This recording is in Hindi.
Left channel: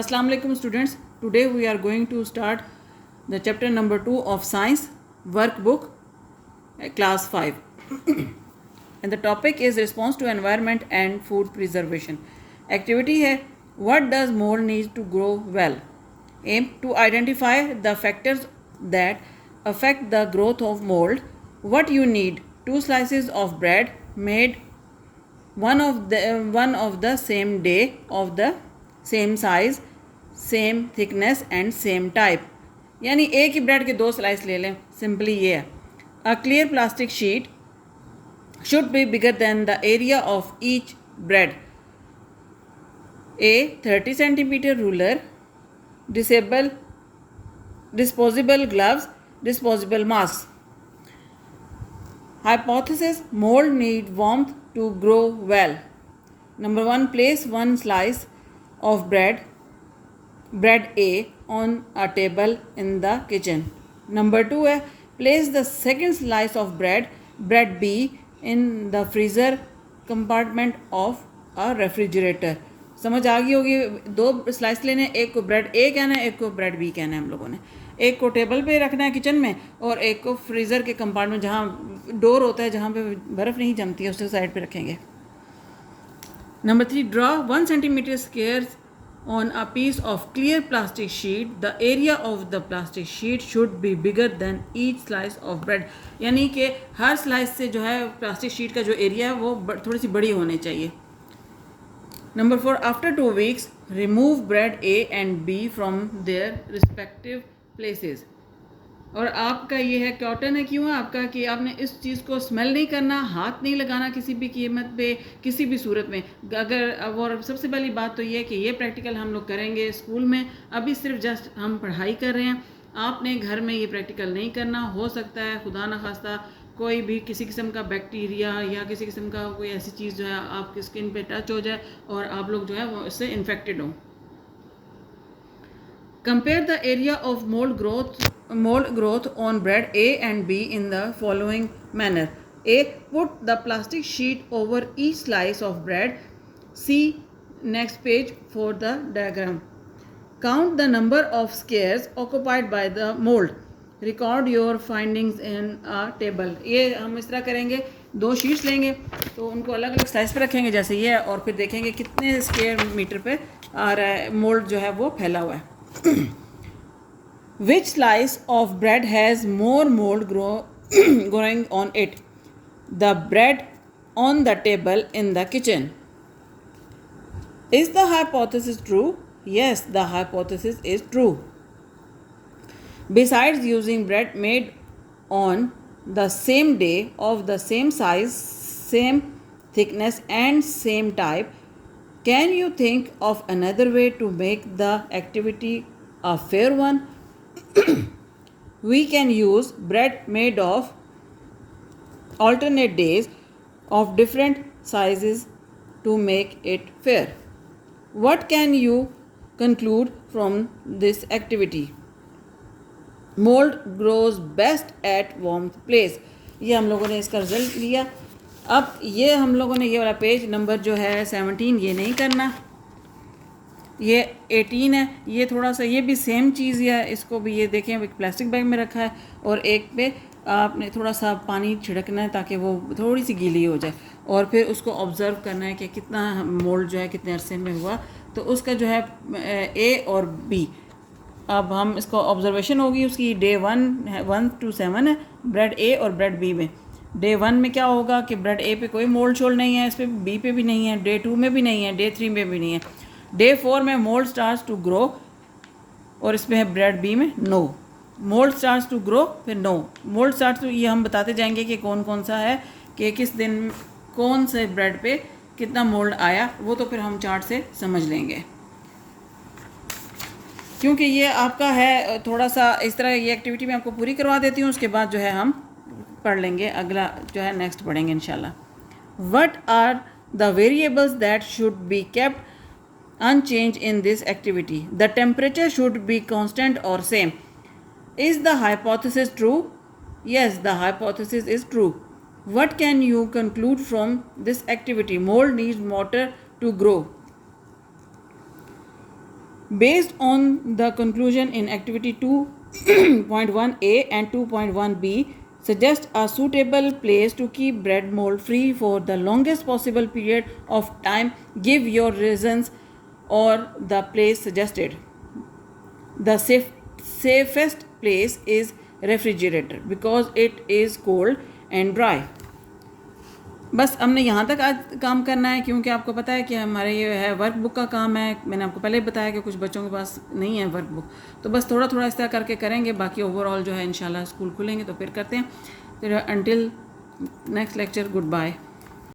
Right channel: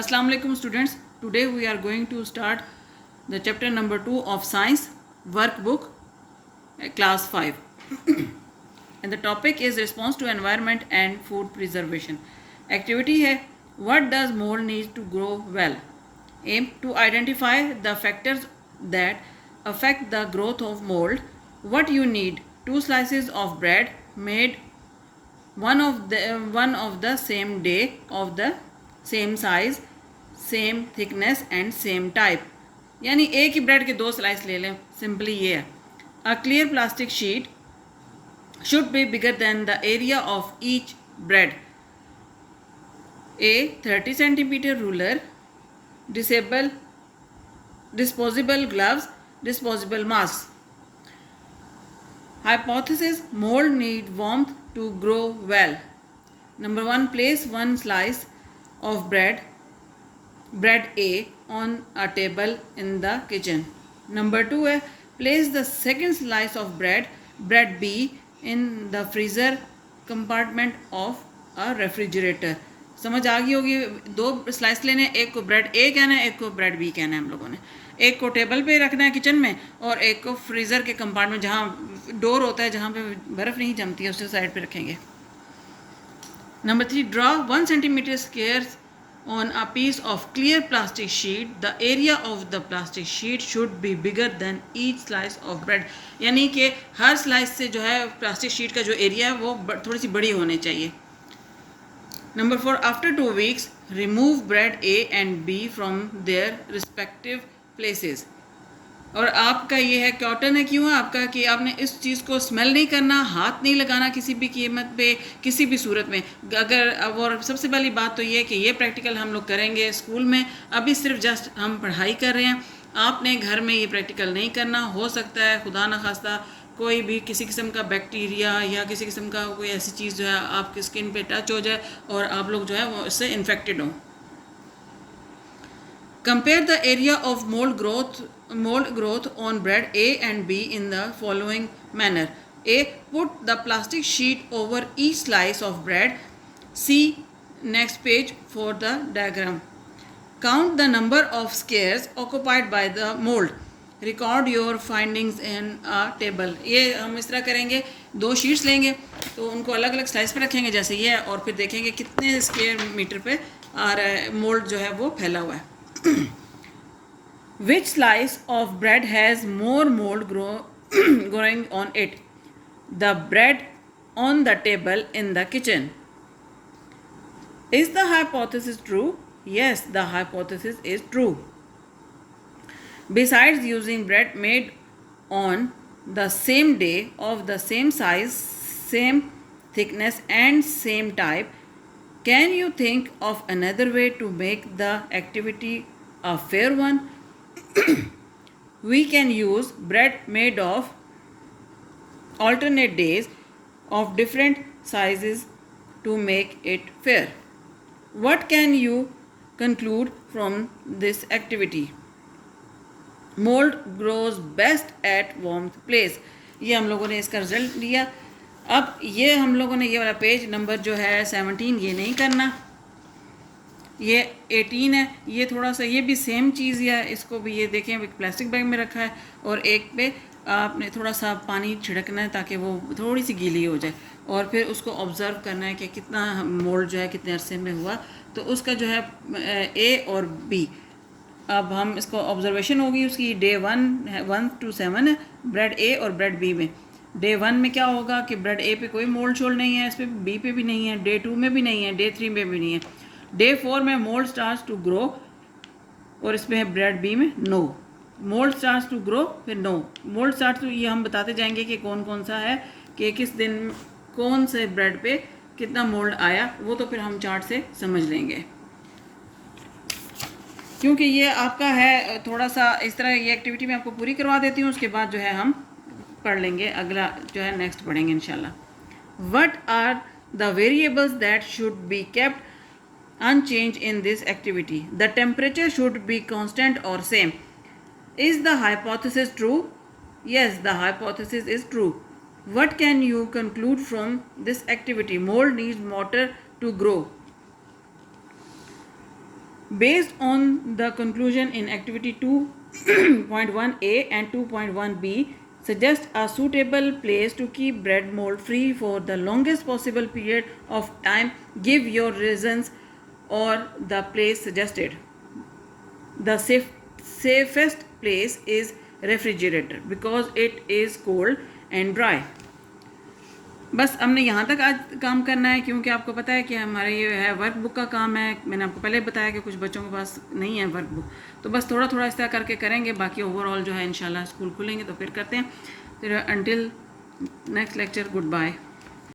Assalamu alaikum students. Today we are going to start the chapter number 2 of science workbook class 5 and the topic is response to environment and food preservation. Activity है what does mold need to grow well. Aim to identify the factors that affect the growth of mold. What you need: 2 slices of bread made one of the same day, of the same size, same thickness and same type, यानी एक ही ब्रेड के 2 स्लाइस ले लें. सिंपली ये है. A clear plastic sheet should be bigger than the area of each bread. A 30 centimetre ruler, disposable gloves, disposable masks. Hypothesis: mold need warmth to grow well. Number 1, place 1 slice of bread A on a table in the kitchen. Number 2 है place the second slice of bread B in the freezer compartment of a refrigerator. समझ आ गई होगी. 2 स्लाइस लेने, एक को ब्रेड ए कहना है, एक को ब्रेड बी कहना है हम लोगों ने. एक को टेबल पे रखना है किचन में और एक को फ्रीज़र के कंपार्टमेंट जहाँ डोर होता है, जहाँ पे बर्फ़ नहीं जमती है, उसके साइड पे रखेंगे. Number 3, draw 1 centimeter squares on a piece of clear plastic sheet. The area of the plastic sheet should be bigger than each slice of bread. यानी कि हर स्लाइस से जो है प्लास्टिक शीट का जो एरिया है वो थोड़ी सी बड़ी होनी चाहिए. Number 4, after 2 weeks remove bread A and B from their respective places. और आपका ये है कॉटन है, क्यों है आपका कि आपने इस चीज़ को स्मेल नहीं करना, हाथ नहीं लगाना किसी भी कीमत पे, किसी भी सूरत में. अगर और सबसे पहली बात तो ये है कि ये प्रैक्टिकल हम लोग करेंगे स्कूल में. अभी सिर्फ जस्ट हम पढ़ाई कर रहे हैं. आपने घर में ये प्रैक्टिकल नहीं करना. हो सकता है खुदा न खास्ता कोई भी किसी किस्म का बैक्टीरिया या किसी किस्म का कोई ऐसी चीज़ जो है आपकी स्किन पे टच हो जाए और आप लोग जो है वो इससे इन्फेक्टेड हों. Compare the area of mold growth on bread A and B in the following manner. A. Put the plastic sheet over each slice of bread. See next page for the diagram. Count the number of squares occupied by the mold. Record your findings in a table. ये हम इस तरह करेंगे, 2 शीट्स लेंगे तो उनको अलग अलग स्लाइस पे रखेंगे जैसे ये है, और फिर देखेंगे कितने स्क्वायर मीटर पे आ रहा है मोल्ड जो है वो फैला हुआ है. Which slice of bread has more mold growing on it? The bread on the table in the kitchen. Is the hypothesis true? Yes, the hypothesis is true. Besides using bread made on the same day, of the same size, same thickness and same type, can you think of another way to make the activity a fair one? We can use bread made of alternate days of different sizes to make it fair. What can you conclude from this activity? Mold grows best at warm place. ये हम लोगों ने इसका रिजल्ट लिया. अब ये हम लोगों ने ये वाला पेज नंबर जो है 17 ये नहीं करना, ये 18 है. ये थोड़ा सा ये भी सेम चीज़ है, इसको भी ये देखें एक प्लास्टिक बैग में रखा है और एक पे आपने थोड़ा सा पानी छिड़कना है ताकि वो थोड़ी सी गीली हो जाए, और फिर उसको ऑब्ज़र्व करना है कि कितना मोल्ड जो है कितने अरसे में हुआ. तो उसका जो है ए और बी, अब हम इसको ऑब्जर्वेशन होगी उसकी. डे 1 to 7 है ब्रेड ए और ब्रेड बी में. डे 1 में क्या होगा कि ब्रेड ए पे कोई मोल्ड शोल्ड नहीं है, इस पर बी पे भी नहीं है, डे 2 में भी नहीं है, डे 3 में भी नहीं है. डे 4 में मोल्ड स्टार्ट्स टू ग्रो और इसमें है ब्रेड बी में no. Mould starts to grow फिर नो. मोल्ड स्टार्ट्स टू, ये हम बताते जाएंगे कि कौन कौन सा है कि किस दिन कौन से ब्रेड पे कितना मोल्ड आया, वो तो फिर हम चार्ट से समझ लेंगे. क्योंकि ये आपका है थोड़ा सा इस तरह, ये एक्टिविटी मैं आपको पूरी करवा देती हूँ, उसके बाद जो है हम पढ़ लेंगे, अगला जो है नेक्स्ट पढ़ेंगे इंशाल्लाह. What are the variables that should be kept unchanged in this activity? The temperature should be constant or same. Is the hypothesis true? Yes, the hypothesis is true. What can you conclude from this activity? Mold needs water to grow. Based on the conclusion in activity 2.1a and 2.1b, suggest a suitable place to keep bread mold free for the longest possible period of time. Give your reasons or the place suggested. The safest place is refrigerator because it is cold and dry. बस हमने यहाँ तक आज काम करना है, क्योंकि आपको पता है कि हमारे ये है वर्क बुक का काम है. मैंने आपको पहले बताया कि कुछ बच्चों के पास नहीं है वर्क बुक, तो बस थोड़ा थोड़ा इस तरह करके करेंगे. बाकी ओवरऑल जो है इंशाल्लाह स्कूल खुलेंगे तो फिर करते हैं. Until next lecture, good bye.